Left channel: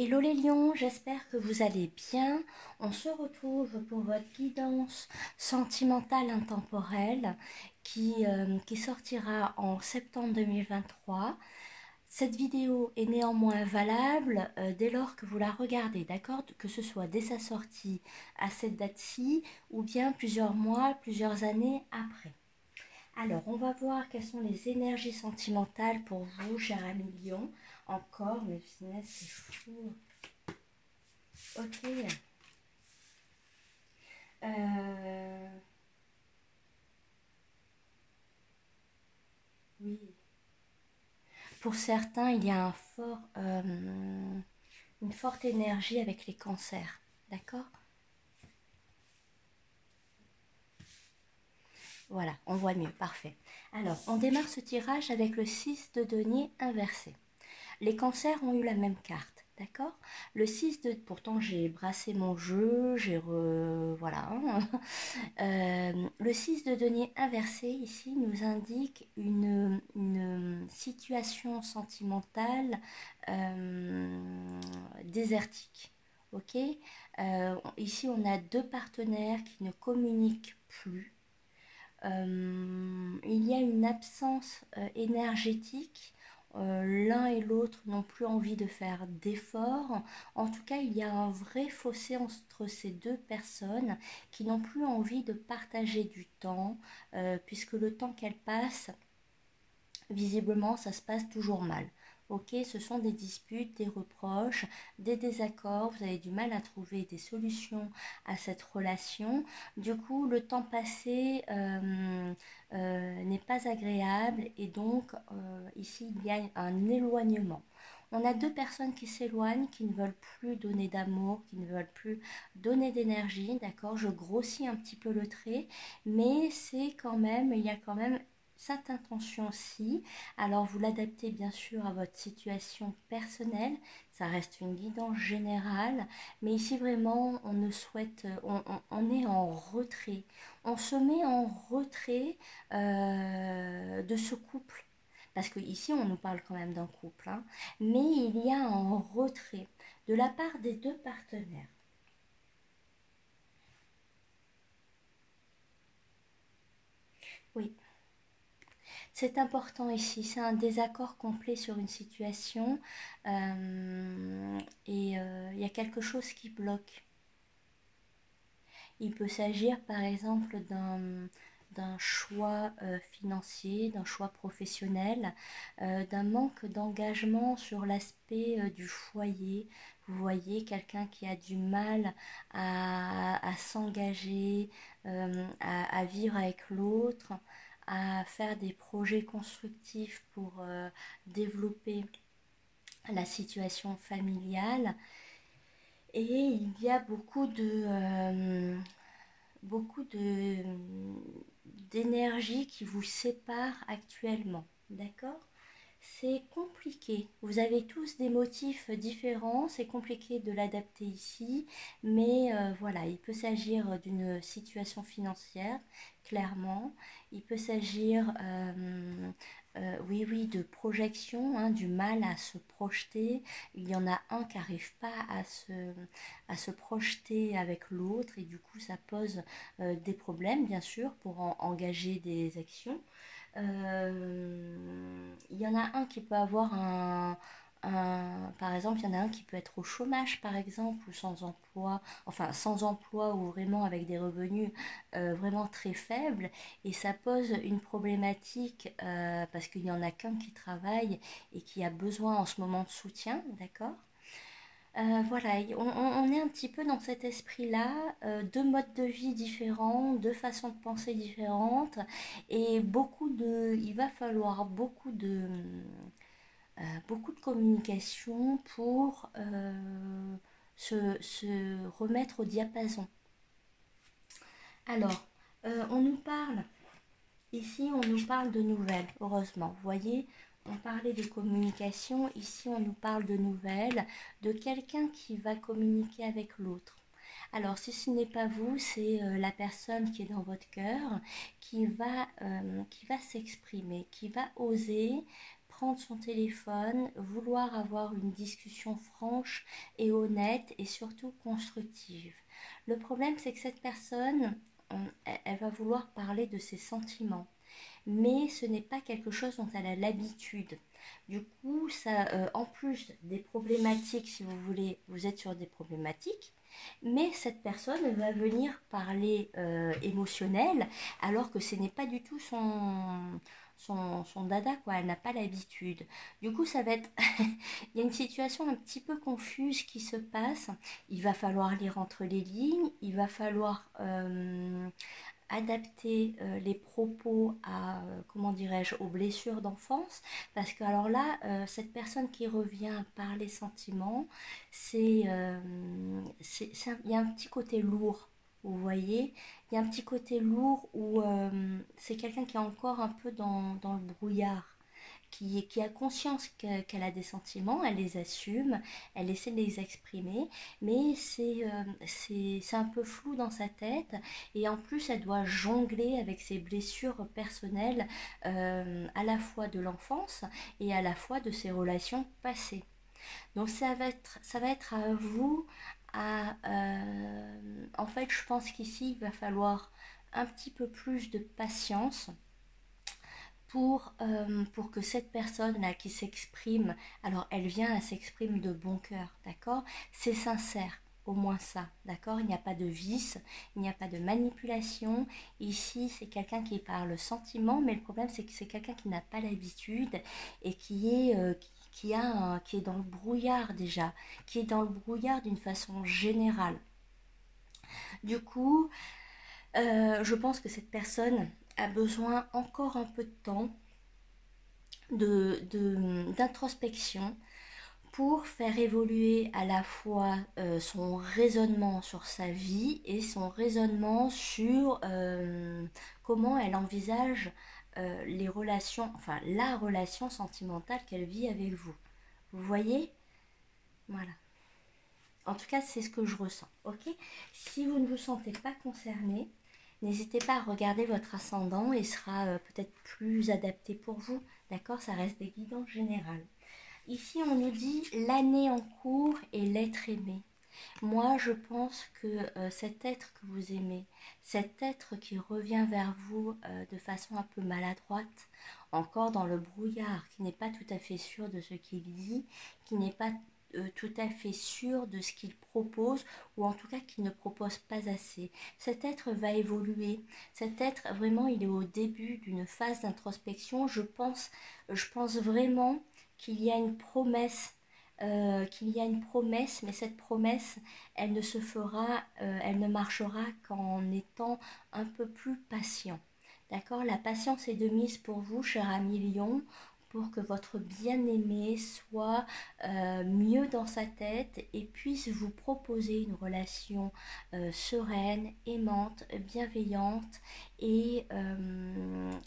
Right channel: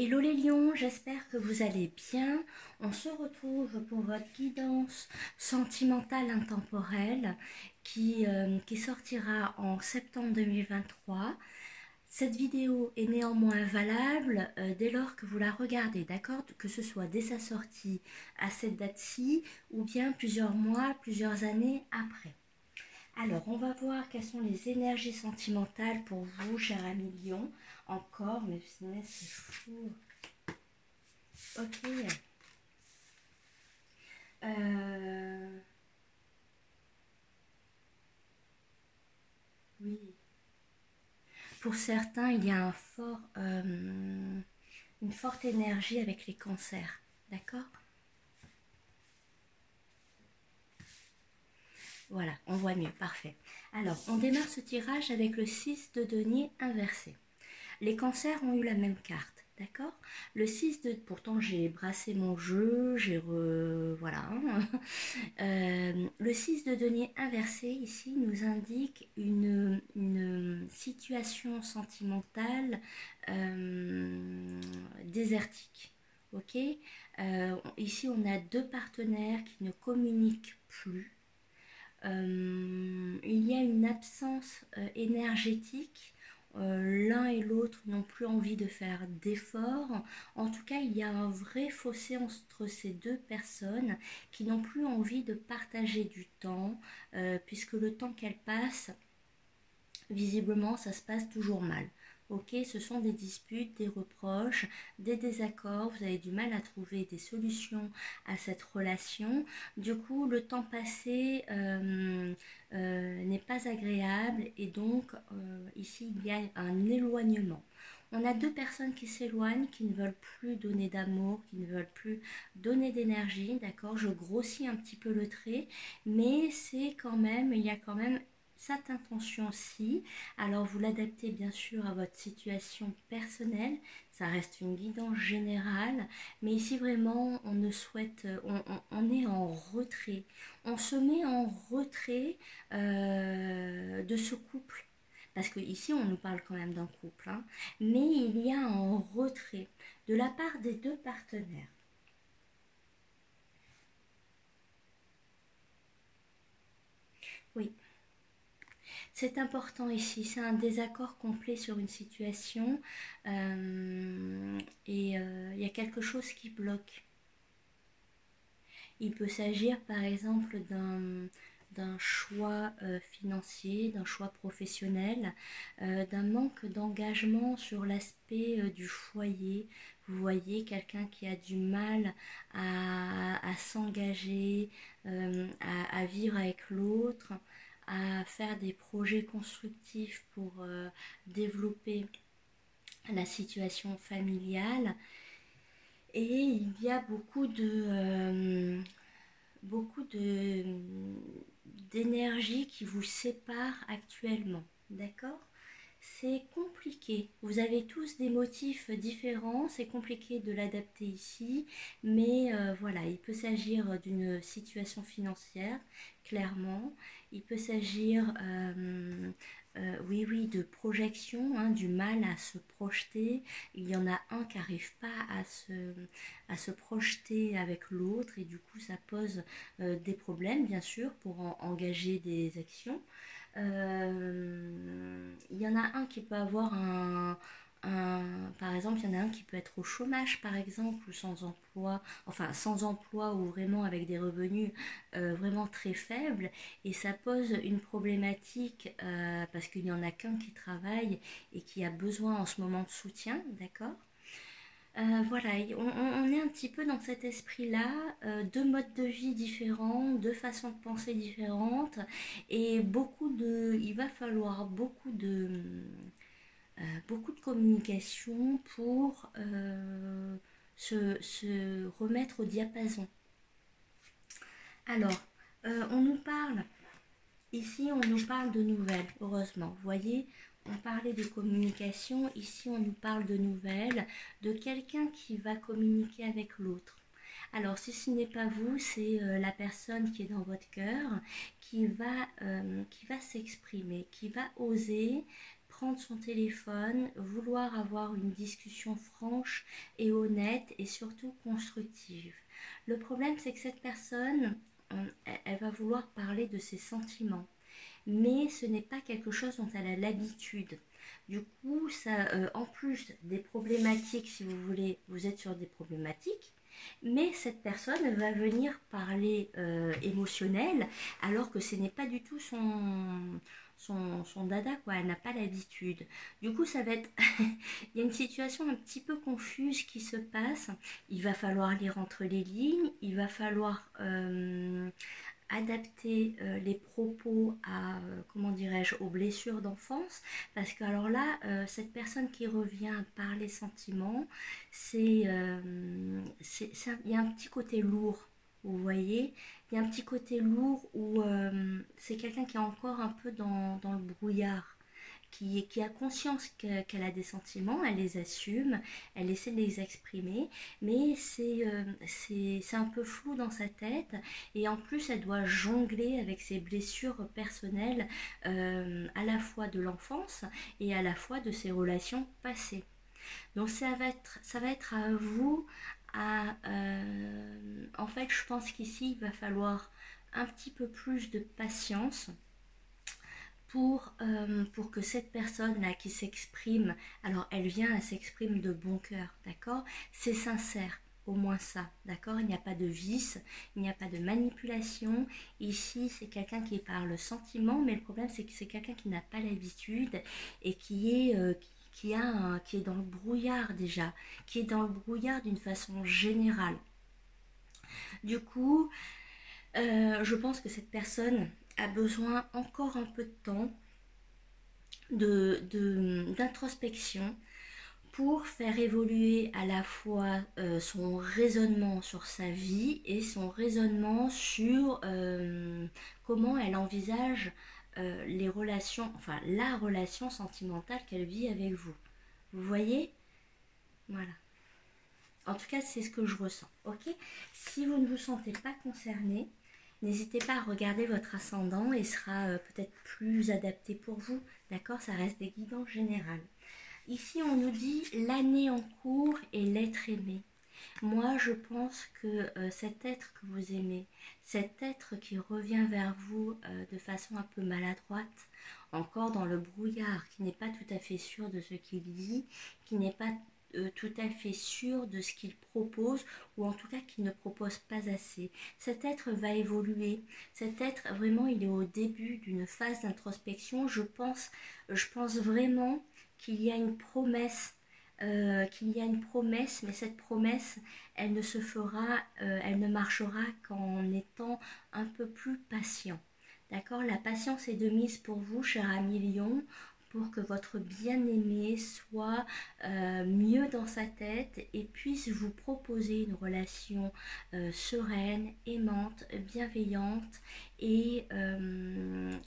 Hello les lions, j'espère que vous allez bien. On se retrouve pour votre guidance sentimentale intemporelle qui sortira en septembre 2023. Cette vidéo est néanmoins valable dès lors que vous la regardez, d'accord? Que ce soit dès sa sortie à cette date-ci ou bien plusieurs mois, plusieurs années après. Alors, on va voir quelles sont les énergies sentimentales pour vous, cher ami lion. Encore, mais c'est fou. Ok. Oui. Pour certains, il y a une forte énergie avec les cancers. D'accord? Voilà, on voit mieux. Parfait. Alors, on démarre ce tirage avec le 6 de denier inversé. Les cancers ont eu la même carte. D'accord? Le 6 de... Pourtant, j'ai brassé mon jeu, voilà. Le 6 de denier inversé, ici, nous indique une situation sentimentale désertique. Ok? Ici, on a deux partenaires qui ne communiquent plus. Il y a une absence énergétique. L'un et l'autre n'ont plus envie de faire d'efforts. En tout cas, il y a un vrai fossé entre ces deux personnes qui n'ont plus envie de partager du temps, puisque le temps qu'elles passent, visiblement, ça se passe toujours mal. Ok, ce sont des disputes, des reproches, des désaccords, vous avez du mal à trouver des solutions à cette relation. Du coup, le temps passé n'est pas agréable et donc ici, il y a un éloignement. On a deux personnes qui s'éloignent, qui ne veulent plus donner d'amour, qui ne veulent plus donner d'énergie, d'accord? Je grossis un petit peu le trait, mais c'est quand même, il y a quand même cette intention-ci. Alors vous l'adaptez bien sûr à votre situation personnelle, ça reste une guidance générale, mais ici vraiment on ne souhaite, on est en retrait, on se met en retrait de ce couple, parce que ici on nous parle quand même d'un couple, hein, mais il y a un retrait de la part des deux partenaires. Oui. C'est important ici, c'est un désaccord complet sur une situation et il y a quelque chose qui bloque. Il peut s'agir par exemple d'un choix financier, d'un choix professionnel, d'un manque d'engagement sur l'aspect du foyer. Vous voyez quelqu'un qui a du mal à s'engager, à vivre avec l'autre, à faire des projets constructifs pour développer la situation familiale. Et il y a beaucoup d'énergie qui vous sépare actuellement, d'accord? C'est compliqué, vous avez tous des motifs différents, c'est compliqué de l'adapter ici, mais voilà, il peut s'agir d'une situation financière, clairement, il peut s'agir oui, de projection, hein, du mal à se projeter. Il y en a un qui n'arrive pas à se projeter avec l'autre et du coup ça pose des problèmes bien sûr pour engager des actions. Il y en a un qui peut avoir par exemple, il y en a un qui peut être au chômage par exemple ou sans emploi, enfin sans emploi ou vraiment avec des revenus vraiment très faibles et ça pose une problématique parce qu'il n'y en a qu'un qui travaille et qui a besoin en ce moment de soutien, d'accord? Voilà, on est un petit peu dans cet esprit-là, deux modes de vie différents, deux façons de penser différentes, et il va falloir beaucoup de communication pour se remettre au diapason. Alors, on nous parle, ici on nous parle de nouvelles, heureusement, vous voyez, on parlait de communication, ici on nous parle de nouvelles, de quelqu'un qui va communiquer avec l'autre. Alors si ce n'est pas vous, c'est la personne qui est dans votre cœur qui va s'exprimer, qui va oser prendre son téléphone, vouloir avoir une discussion franche et honnête et surtout constructive. Le problème, c'est que cette personne, elle va vouloir parler de ses sentiments, mais ce n'est pas quelque chose dont elle a l'habitude. Du coup, ça, en plus des problématiques, si vous voulez, vous êtes sur des problématiques, mais cette personne va venir parler émotionnel, alors que ce n'est pas du tout son dada, quoi. Elle n'a pas l'habitude. Du coup, ça va être... il y a une situation un petit peu confuse qui se passe. Il va falloir lire entre les lignes, il va falloir... adapter les propos à, comment dirais-je, aux blessures d'enfance, parce que alors là, cette personne qui revient par les sentiments, il y a un petit côté lourd, vous voyez, il y a un petit côté lourd où c'est quelqu'un qui est encore un peu dans le brouillard, qui a conscience qu'elle a des sentiments, elle les assume, elle essaie de les exprimer, mais c'est un peu flou dans sa tête, et en plus elle doit jongler avec ses blessures personnelles, à la fois de l'enfance et à la fois de ses relations passées. Donc ça va être à vous, en fait je pense qu'ici il va falloir un petit peu plus de patience pour que cette personne-là qui s'exprime, alors elle s'exprime de bon cœur, d'accord? C'est sincère, au moins ça, d'accord? Il n'y a pas de vice, il n'y a pas de manipulation. Ici, c'est quelqu'un qui parle sentiment, mais le problème, c'est que c'est quelqu'un qui n'a pas l'habitude et qui est dans le brouillard déjà, qui est dans le brouillard d'une façon générale. Du coup, je pense que cette personne a besoin encore un peu de temps d'introspection pour faire évoluer à la fois son raisonnement sur sa vie et son raisonnement sur comment elle envisage les relations, enfin la relation sentimentale qu'elle vit avec vous. Vous voyez? Voilà. En tout cas, c'est ce que je ressens. Ok? Si vous ne vous sentez pas concerné, n'hésitez pas à regarder votre ascendant et sera peut-être plus adapté pour vous. D'accord? Ça reste des guidances générales. Ici, on nous dit l'année en cours et l'être aimé. Moi, je pense que cet être que vous aimez, cet être qui revient vers vous de façon un peu maladroite, encore dans le brouillard, qui n'est pas tout à fait sûr de ce qu'il dit, qui n'est pas tout à fait sûr de ce qu'il propose, ou en tout cas qui ne propose pas assez. Cet être va évoluer. Cet être, vraiment, il est au début d'une phase d'introspection. Je pense vraiment qu'il y a une promesse, mais cette promesse, elle ne se fera, elle ne marchera qu'en étant un peu plus patient. D'accord? La patience est de mise pour vous, cher ami Lion, pour que votre bien-aimé soit mieux dans sa tête et puisse vous proposer une relation sereine, aimante, bienveillante et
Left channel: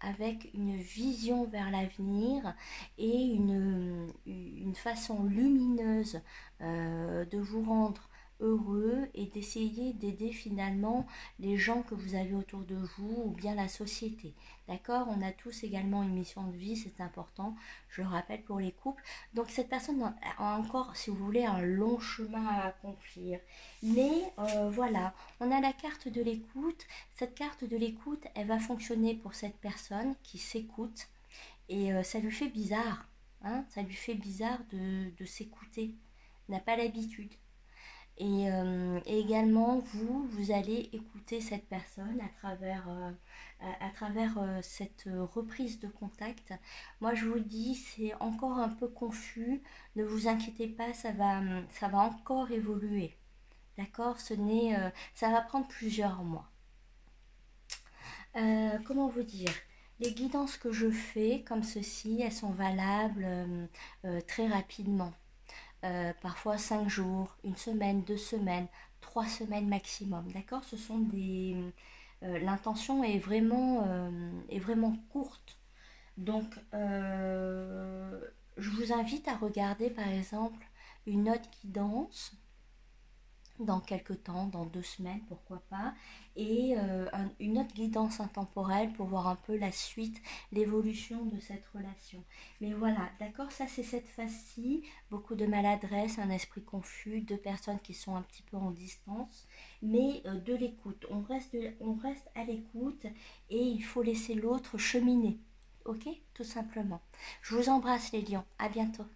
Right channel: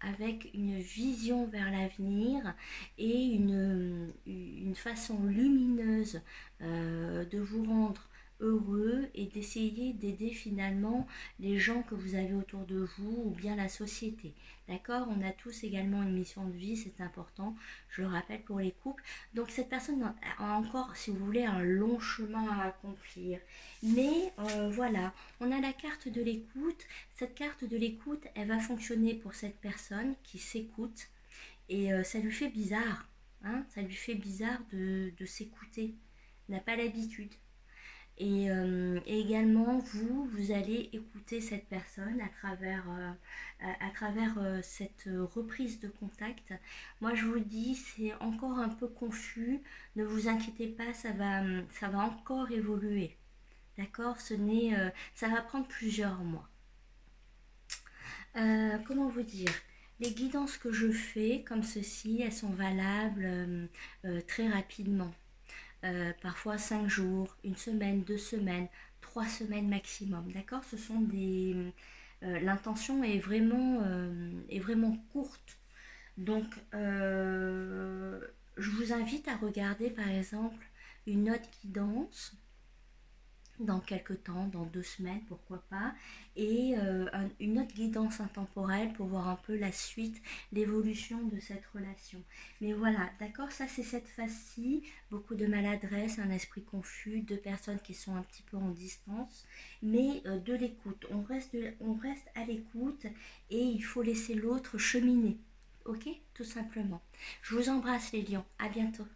avec une vision vers l'avenir et une façon lumineuse de vous rendre heureux et d'essayer d'aider finalement les gens que vous avez autour de vous ou bien la société. D'accord? On a tous également une mission de vie, c'est important, je le rappelle pour les couples. Donc cette personne a encore, si vous voulez, un long chemin à accomplir. Mais voilà, on a la carte de l'écoute. Cette carte de l'écoute, elle va fonctionner pour cette personne qui s'écoute. Et ça lui fait bizarre, hein? Ça lui fait bizarre de s'écouter. Il n'a pas l'habitude. Et également, vous allez écouter cette personne à travers cette reprise de contact. Moi, je vous dis, c'est encore un peu confus. Ne vous inquiétez pas, ça va encore évoluer. D'accord? Ça va prendre plusieurs mois. Comment vous dire? Les guidances que je fais, comme ceci, elles sont valables très rapidement. Parfois 5 jours, 1 semaine, 2 semaines, 3 semaines maximum. D'accord? Ce sont des... l'intention est vraiment courte. Donc, je vous invite à regarder par exemple une autre guidance dans quelques temps, dans 2 semaines, pourquoi pas, et une autre guidance intemporelle pour voir un peu la suite, l'évolution de cette relation. Mais voilà, d'accord, ça c'est cette phase-ci, beaucoup de maladresse, un esprit confus, deux personnes qui sont un petit peu en distance, mais de l'écoute, on reste à l'écoute et il faut laisser l'autre cheminer, ok, tout simplement. Je vous embrasse les lions, à bientôt.